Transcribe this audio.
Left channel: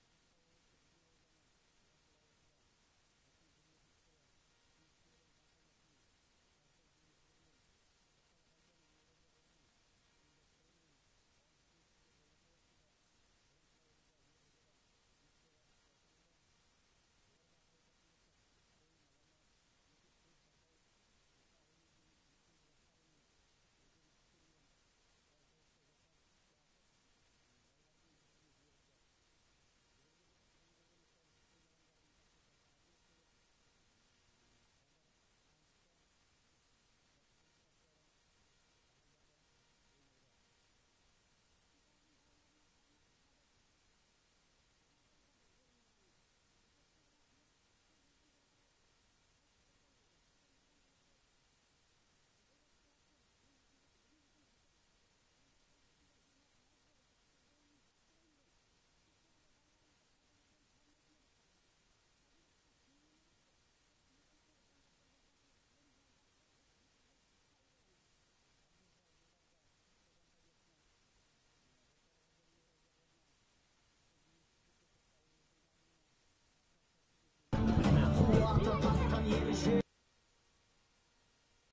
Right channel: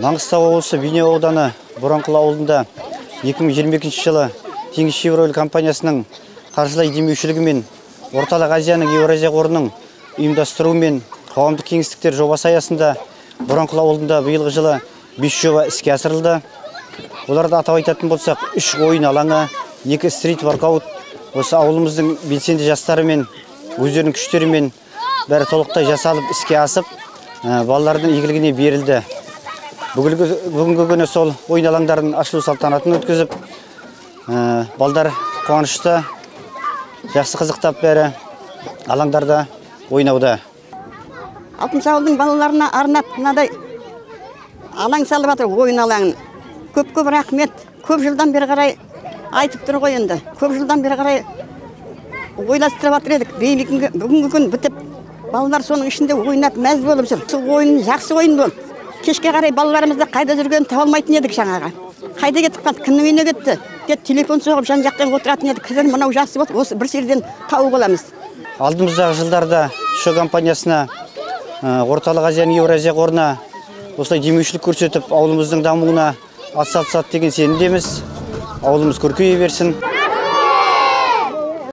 Маңғыстау облысы Бейнеу ауданы Боранқұл ауылында 2022 жылы Теңізшевройл компаниясының қаржылай демеушілігімен Орталық Азияның Еуразия қорының ұйымдастыруымен қоғамдық кеңістіктер жобасы аясында Боранқұл ауылында биылғы жылы 5 жоба іске асырылды. Оларды атап айтатын болсақ, 3 ойын алаңы, 2 стрит воркаут, осы ауылымыздың белсенді жастарымен, өздерінің күштерімен бәрі толықтай жасалып іске асып, балалардың игілігіне берілді. Бүгінгі күні сол ойын алаңдарын ашылу салтанатын өткізіп, балдар қуанышты, жақсы қызықтап бәрі алаңдарда ойнауда. Алтыншы ауылдың балаларына арнап мынадай алаң салып жатыр, ойын алаңын. Көп рахмет. Көп жылдан бері қарай айтып тұр ғой енді. Көп жылдан бері қарай ойластырып жатыр едік. Бүгінгі күн бітіп, балалар соның ішінде ойнап мәз болып жүр. Сол ойын жақсы ойын бол. Кешке қарай балаларымызды қайда жүргенін таба алмайтын едік жаңаға. Қайда кетіп қалды, кімнің үйіне кетті деп телефон соғып жан жақтан отыратын едік. Қазір мынау жақсы болды, осы бір жерден тауып аламыз. Алдымыздағы жылдарда ШО компаниясына, Орталық Азияның Еуразия қорына осылай демеушілік көрсетіп, ауылымыздың дамуына атсалысады деген сенімдеміз. Ауылымыз көркейе берсін.